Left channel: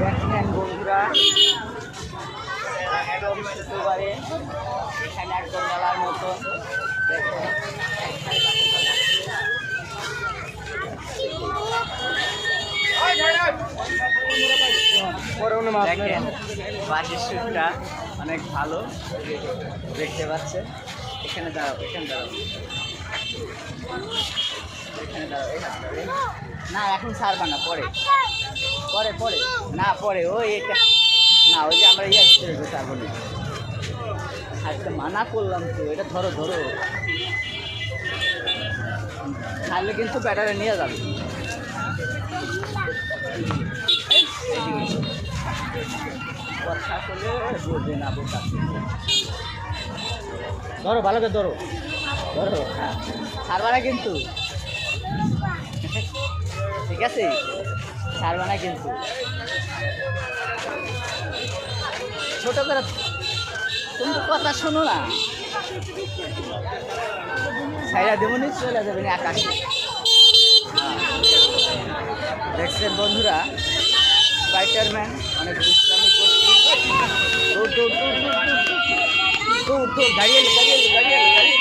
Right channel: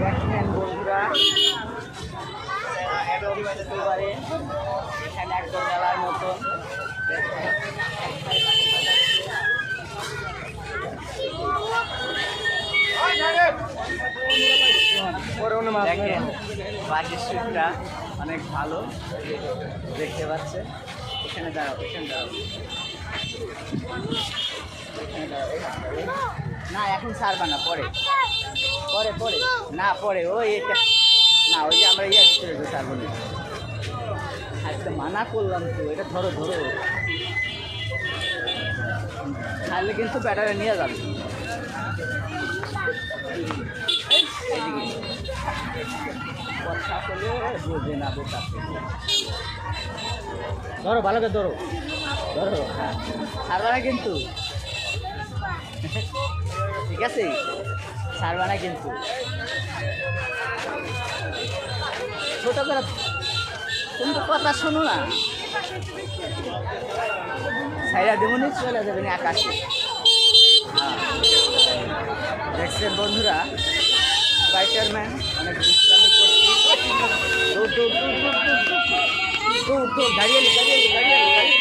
দেখেন বন্ধুরা একদম একেবারে এখানে একদম মেলার মতন দেখেন বাকি স্ট্রিটটা অনেক ভালো দেখতে পাচ্ছেন। এখানে দাঁড়াও, এখানে দাঁড়াও, এখানে দাঁড়াও, এখানে দাঁড়াও। না এখন ছাড়বা না, পরে পরে পরে না পরে ওই এটা না, ওই যে আমরা ইয়ে চলে ছাড়বো না। আজকে মানা করলাম তো, এটা ধরো ধরো, ছাড়লে কিন্তু ব্যাটারে নিয়ে যাবে। এইদিকে কথা করলে বোঝে না, বোঝা ধরো, ভালো করে ধরো ধরো, হ্যাঁ ছাড়বা না কিন্তু, ঠিক আছে ছাড়বা না কিন্তু, ছোট করে তুমি তো কথা শোনো না, ছাইরা দেবনি চলে যাবেন আকাশে। দেখছেন বন্ধুরা স্পাইডারম্যান অনেক দুষ্টামি করছে। দৌড় দৌড় দৌড় দৌড় দৌড় দৌড় দৌড়, দাঁড়িয়ে দাঁড়িয়ে দাঁড়িয়ে দাঁড়িয়ে